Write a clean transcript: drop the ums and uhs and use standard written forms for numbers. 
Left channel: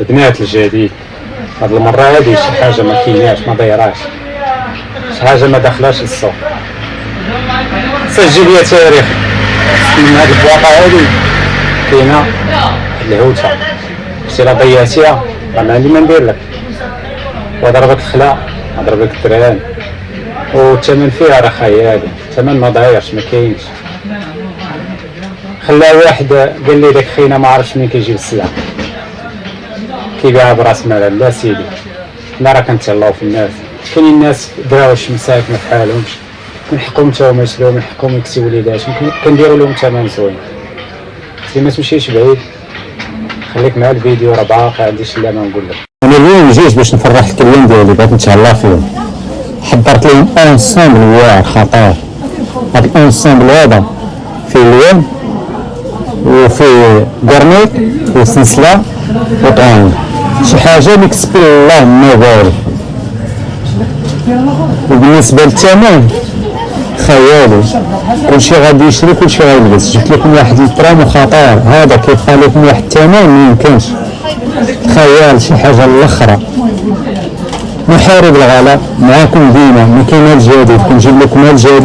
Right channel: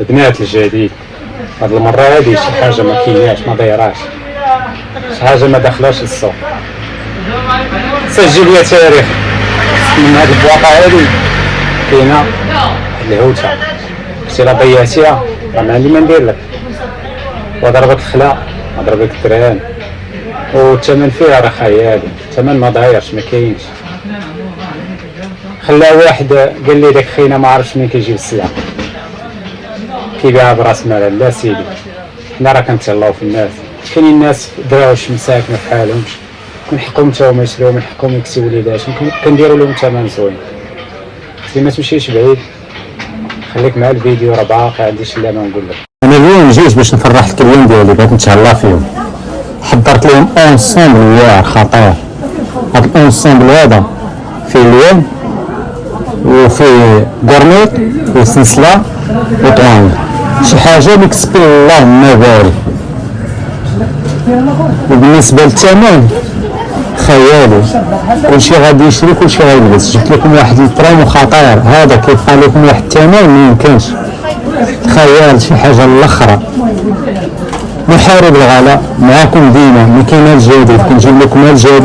البنات الجديد هاد المرة هادي شي حاجة ما كايناش ما دايراش، شي حاجة ما داخلاش للسوق. سجل يا تاريخ من هاد البواقة هادي كاينة الهوتة، شتي لا ضيعتيها راه ما عندي ما ندير لك، وضربك الخلا ضربك الدران، والثمن فيها راه خيالي، الثمن ما ضايعش ما كاينش. خلا واحد قال لي داك خينا ما عرفش منين كيجيب السلعة، كيبيعها براس مال. لا سيدي حنا راه كنتهلاو في الناس، كاينين الناس دراوش مساكن ما بحالهمش، من حقهم تا هما يشريو، من حقهم يكسيو وليداتهم، كنديرو لهم ثمن زوين. سي ما تمشيش بعيد، خليك مع الفيديو راه باقي عندي شي ما نقول لك. انا اليوم جيت باش نفرح الكليان ديالي، بغيت نتهلا فيهم، حضرت لهم اونسومبل واعر خطير. هاد الاونسومبل هذا فيه اليوم وفيه كرنيط وسلسله وطعام، شي حاجه اللي كتب الله ما بارك. وبالنسبه للثمن خيالي، كلشي غادي يشري كلشي غيلبس. جبت لكم واحد البرامو خطير، هذا كيبقى لكم واحد الثمن ما يمكنش، خيال شي حاجه الاخرى. محارب الغلا معاكم ديما، ما كاين الجديد كنجيب لكم الجديد.